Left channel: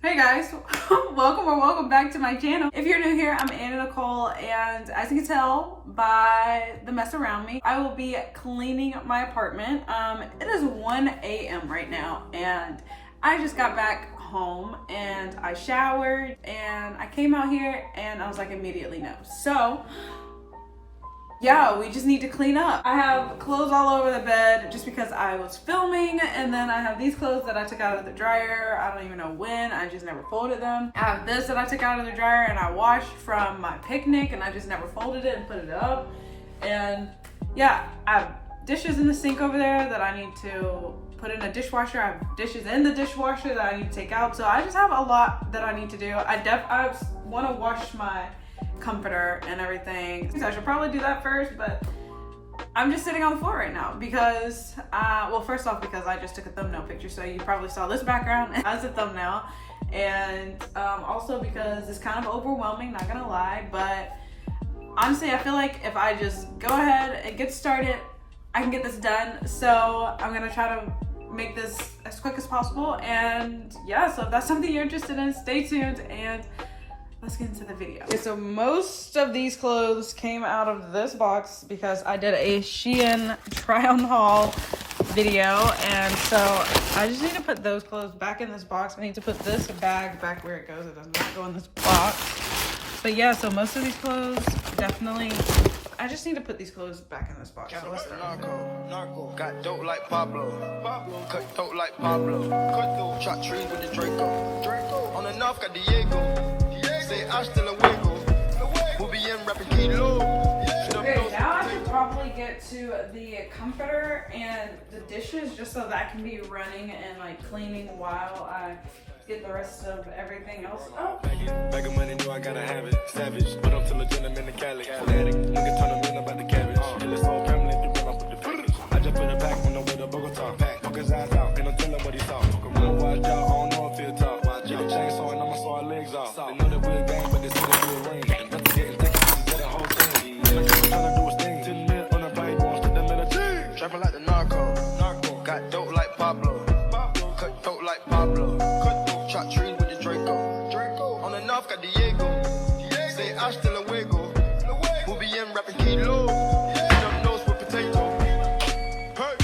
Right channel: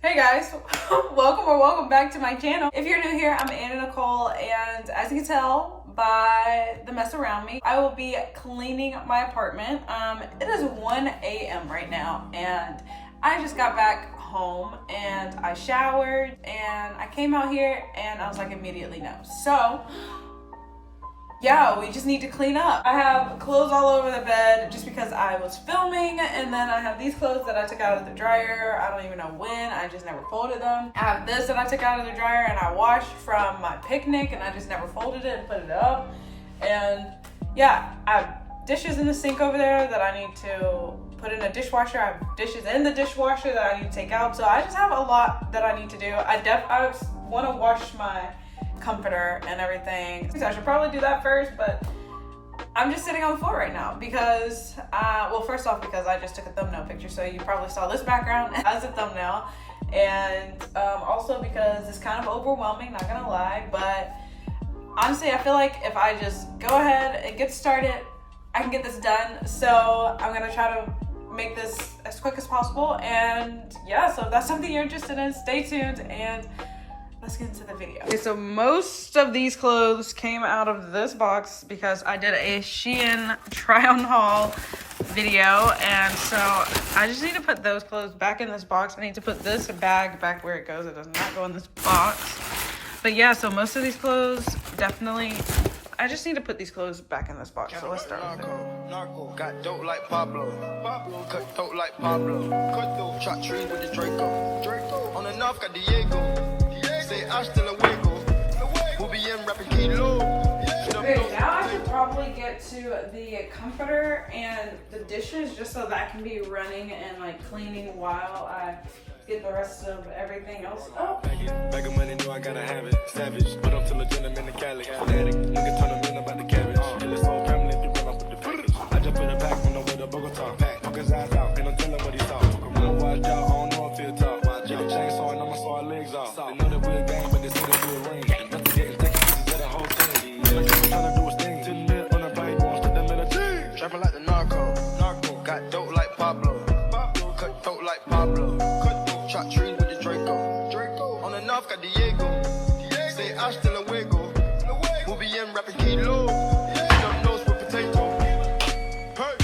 Hey guys, welcome back to my channel. If you're new here, I'm Nicole, and as you can tell by the mess around me, I will be cleaning my apartment. It is 1 a.m. right now, and I just got back home and I showered and I came out here and I was like, immediately no. So yeah, we just need to clean up. I have clothes all over the bed just because I was filming, and then I have these clothes that I took out of the dryer. I don't even know when, I just never folded them. I have this that I took out of the dryer and I washed from my picnic and I just never folded it and put it up. And yeah, I have dishes in the sink over there that I need to put in a dishwasher. I have dishes in the dishwasher that I need to take out. So I just have a lot that I need to do. I want to wash my comforter and everything. So I should probably do that first, but I'm just sitting on the floor right now because well, first off, because I just took a thumbnail picture, so you probably saw this background as a thumbnail, and also because it's kind of overwhelming, not gonna lie, but honestly I feel like if I just go ahead and get started, I can get this done. So I'm gonna try to make this as quick as possible, and yeah, so if that's something you're interested in, stay tuned and let's get into the video. Okay, so most of these clothes came out of this box because I did a HIIII try on haul video, and so I just need to put those clothes back in this box. I need to put this bag back where it goes. It does not go in this box. But yeah, so most of these clothes definitely, I just need to put these clothes back in this box. So let's start with it. Narco, got dope like Pablo. Cut throat like Pablo. Cut through, shot trees with the Draco. On the north got Diego. Say I still a wiggle. We'll be in rapping kilo. Okay, now I should probably get to the comforter and the dishes just so that can be running and like cleaning while I get the rest of everything else up. Bag of money, know I gotta have it. Savage, but I'm still a gentleman in Cali. Fanatic, nigga turn them in about the cabbage. And this whole family, if you run up with the footage. I just put a pack on the way to Bogota. Fuck his ass out, and I'm telling what he saw. Fuck around, watch out, I don't know if he'll talk. Get a chainsaw and I'ma saw our legs off. They know that we're a gang, but they say that we're a ring. Investigating, taking pieces of the whole thing. Like I'm trying to do his thing. Sitting there on a bike, going straight them in a team. Trapping like the narco. Got dope like Pablo. Cut throat like Pablo. Shot trees with the Draco. On the north got Diego. Say I still a wiggle. We'll be in rapping kilo. Them nose with potato. Hey.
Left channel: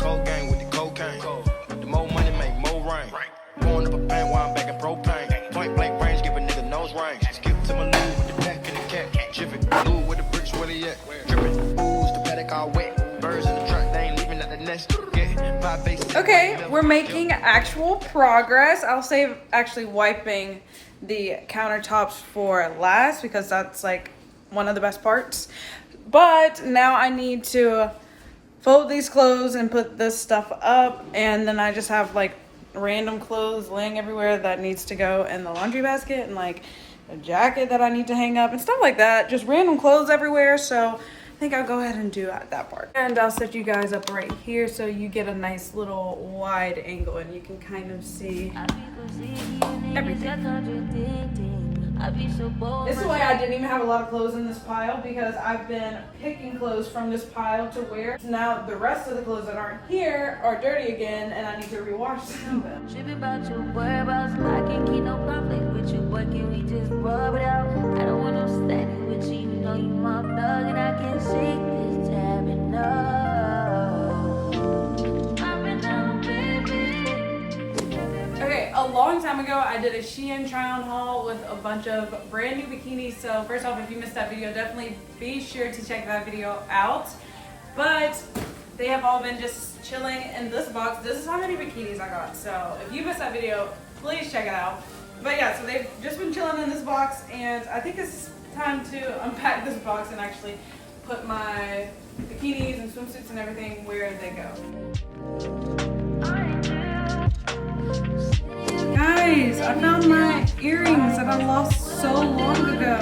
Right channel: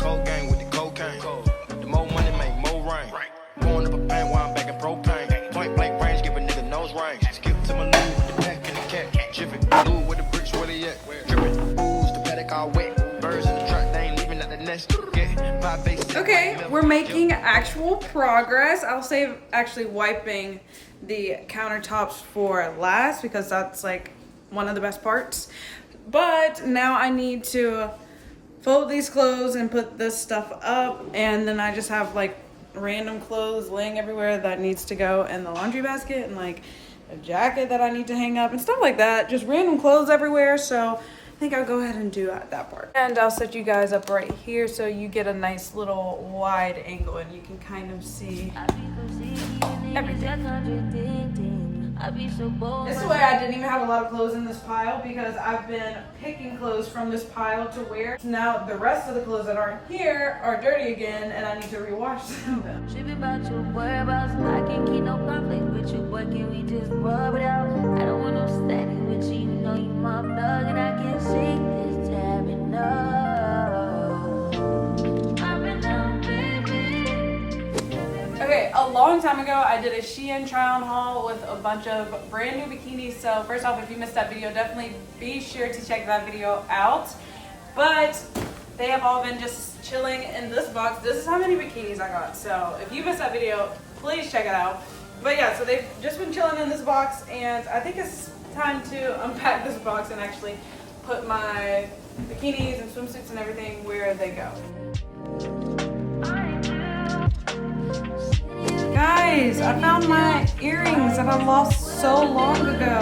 Cold gang with the cocaine. The more money make more rain. Going up a paint while I'm back in propane. Point blank range, give a nigga nose range. Skip to my loo with the pack and the cat. Jiffy, blue with the bricks, where they at? Drippin', ooze, the paddock all wet. Birds in the truck, they ain't leaving at the nest. Okay, we're making actual progress. I'll save actually wiping the countertops for last because that's like one of the best parts. But now I need to fold these clothes and put this stuff up, and then I just have like random clothes laying everywhere that needs to go in the laundry basket, and like a jacket that I need to hang up and stuff like that. Just random clothes everywhere. So I think I'll go ahead and do that part. And I'll set you guys up right here so you get a nice little wide angle and you can kind of see everything. This is why I didn't even have a lot of clothes in this pile, because I've been picking clothes from this pile to wear. Now the rest of the clothes that aren't here are dirty again and I need to rewash them. Tripping about your whereabouts, I can't keep no conflict with you, boy, can we just rub it out? I don't want no static with you, you know you my thug, and I can't shake this tab enough. Okay, a long time ago, I did a HIIII try-on haul with a bunch of brand new bikinis. So first off, if you missed that video, definitely be sure to check that video out. But they have all been just chilling in this box. This is how many bikinis I got. So if you missed that video, please check it out. But yeah, so they've just been chilling in this box, and I think it's time to unpack this box and actually put my bikinis and swimsuits and everything where they go. Guys, I found my earrings that I lost so long ago.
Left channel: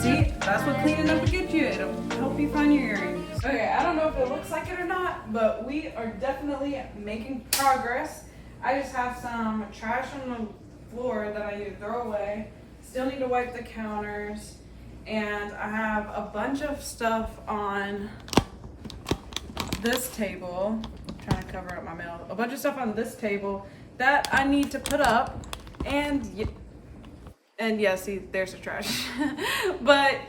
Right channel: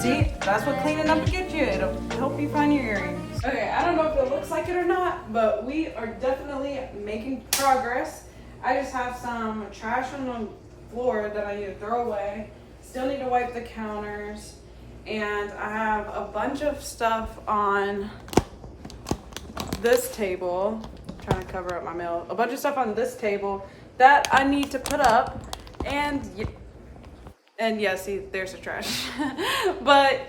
See, that's what cleaning up will get you. It'll help you find your earrings. Okay, I don't know if it looks like it or not, but we are definitely making progress. I just have some trash on the floor that I need to throw away. Still need to wipe the counters. And I have a bunch of stuff on this table. I'm trying to cover up my mail. A bunch of stuff on this table that I need to put up. And yeah, see, there's the trash. But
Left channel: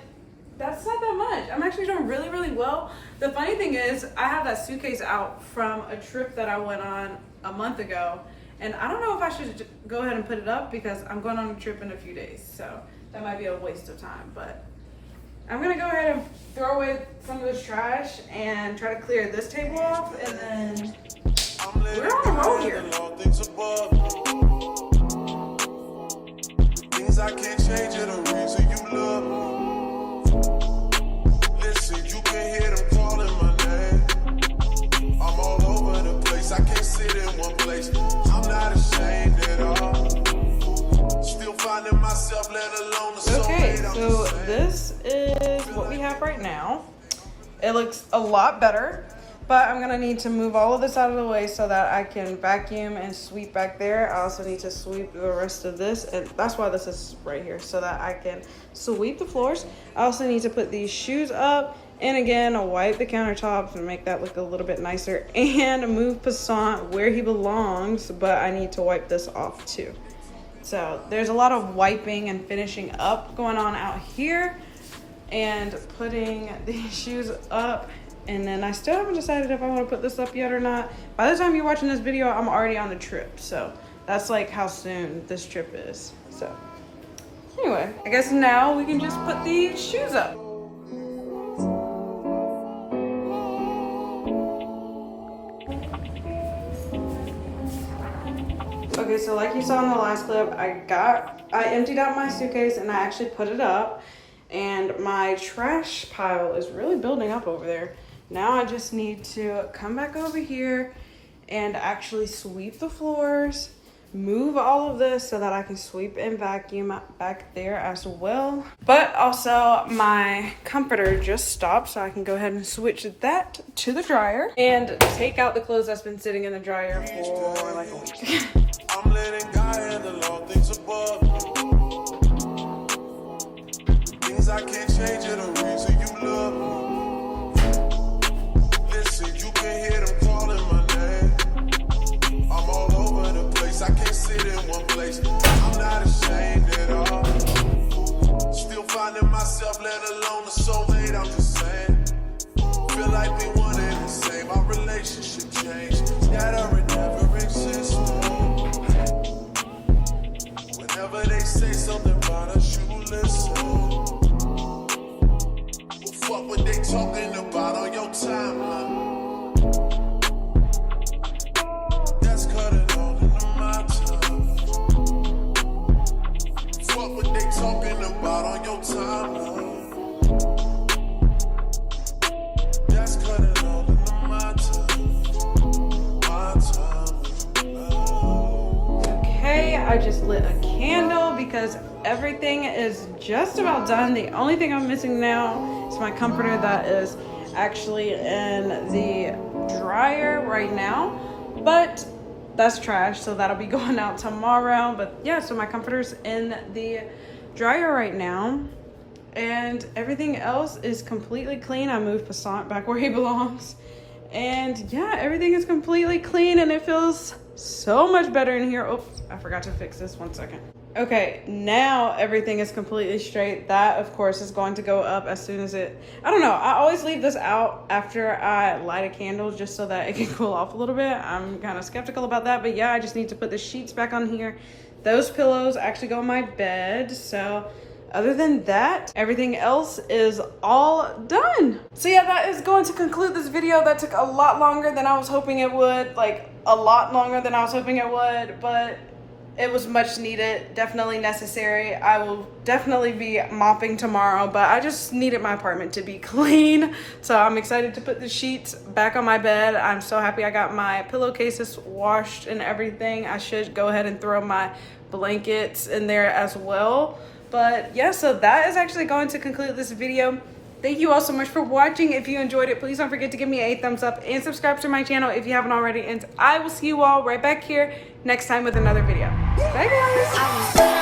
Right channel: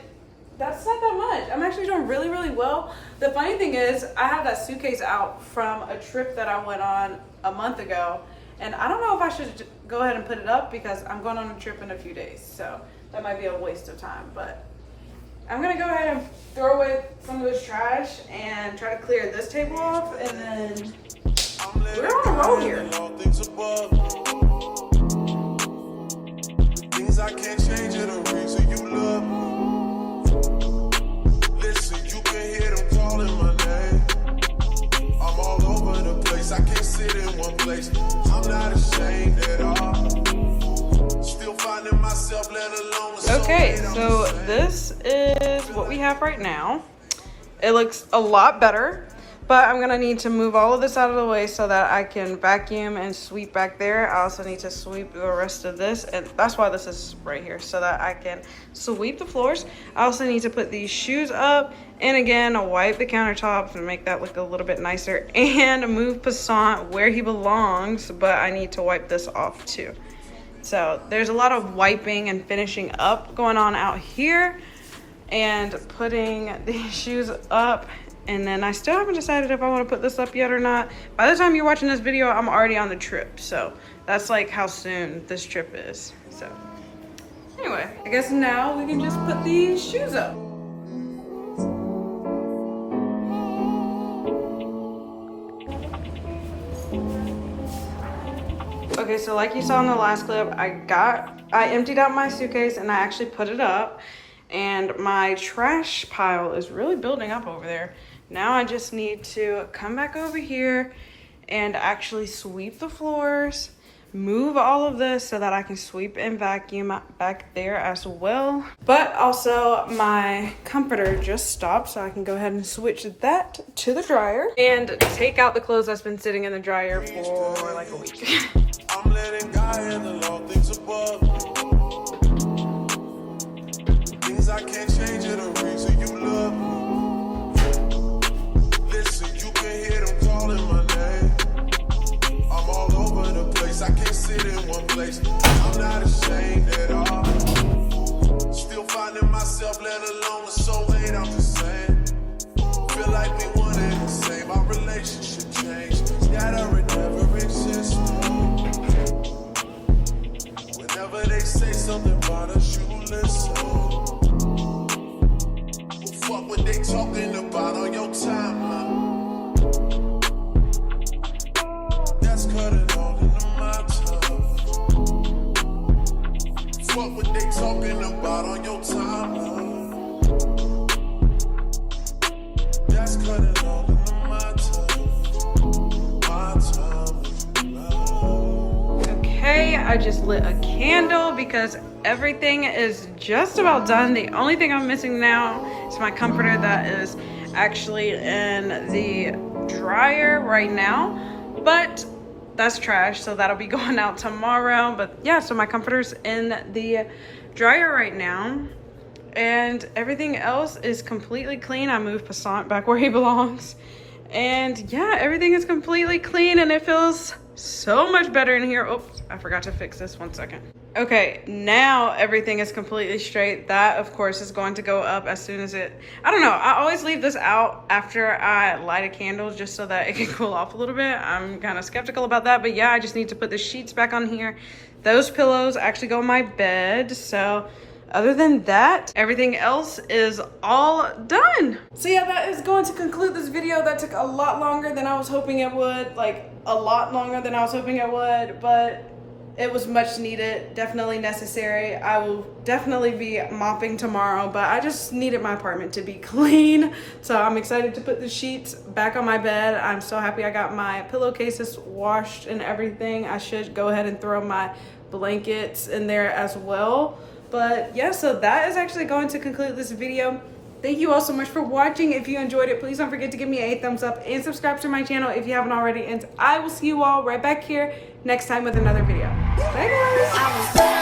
that's not that much. I'm actually doing really, really well. The funny thing is, I have that suitcase out from a trip that I went on a month ago. And I don't know if I should go ahead and put it up because I'm going on a trip in a few days. So that might be a waste of time. But I'm going to go ahead and throw away some of this trash and try to clear this table off. And then we're on a roll here. Things I can't change are the reason you love me. Listen, you can hear them calling my name. I'm all over the place, I can't sit in one place. I'm not ashamed at all. Still finding myself, let alone the soul. Okay, so this is what we have right now. It looks a lot better, but I'm gonna need to move all of this out of the way so that I can vacuum and sweep back there. I also need to sweep the rest of this, and that's why this is right here, so that I can sweep the floors. I also need to put these shoes up, and again, wipe the countertops and make that look a little bit nicer, and move Passant where he belongs, but I need to wipe this off too. So there's a lot of wiping and finishing up going on out here, and putting these shoes up. And then I still haven't decided if I want to put this up yet or not. By the time you're watching this video, I'm already on the trip. So that's like how soon this trip is. So anyway, I guess now we can just put these shoes up. Okay, so like you saw in the last clip, I emptied out my suitcase and I actually put it up. And my trash pile is really building up over there. Now I just need to come back over here and actually sweep the floors, move all of this so that I can sweep and vacuum back there as well. But also my comforter just stopped, so I can go ahead and switch that to the dryer and take out the clothes that's been sitting in the dryer for like a week. I'm letting God handle all things above. Things I can't change are the reason you love me. Listen, you can hear them calling my name. I'm all over the place, I can't sit in one place. I'm not ashamed at all. Still finding myself, let alone the soulmate, I'm just saying. Feel like we one and the same, our relationship changed. That or it never existed. Whenever they say something about us, you listen. Fuck what they talking about on your timeline. That's cutting all into my time. Fuck what they talking about on your timeline. That's cutting all into my time. My time with you now. Okay, I just lit a candle because everything is just about done. The only thing I'm missing now is my comforter that is actually in the dryer right now, but that's trash, so that'll be going out tomorrow. But yeah, so my comforter's in the dryer right now, and everything else is completely clean. I moved Passant back where he belongs, and yeah, everything is completely clean, and it feels so much better in here. Oops, I forgot to fix this. 1 second. Okay, now everything is completely straight. That, of course, is going to go up as soon as it... I don't know. I always leave this out after I light a candle just so that it can cool off a little bit. I'm kind of skeptical about that. But yeah, I just need to put the sheets back on here. Those pillows actually go on my bed. So other than that, everything else is all done. So yeah, that is going to conclude this video. That took a lot longer than I was hoping it would. Like, a lot longer than I was hoping it would. But it was much needed, definitely necessary. I will definitely be mopping tomorrow, but I just needed my apartment to be clean. So I'm excited to put the sheets back on my bed. I'm so happy I got my pillowcases washed and everything. I should go ahead and throw my blankets in there as well. But yeah, so that is actually going to conclude this video. Thank you all so much for watching. If you enjoyed it, please don't forget to give me a thumbs up and subscribe to my channel if you haven't already. And I will see you all right back here next time with another video. Bye guys.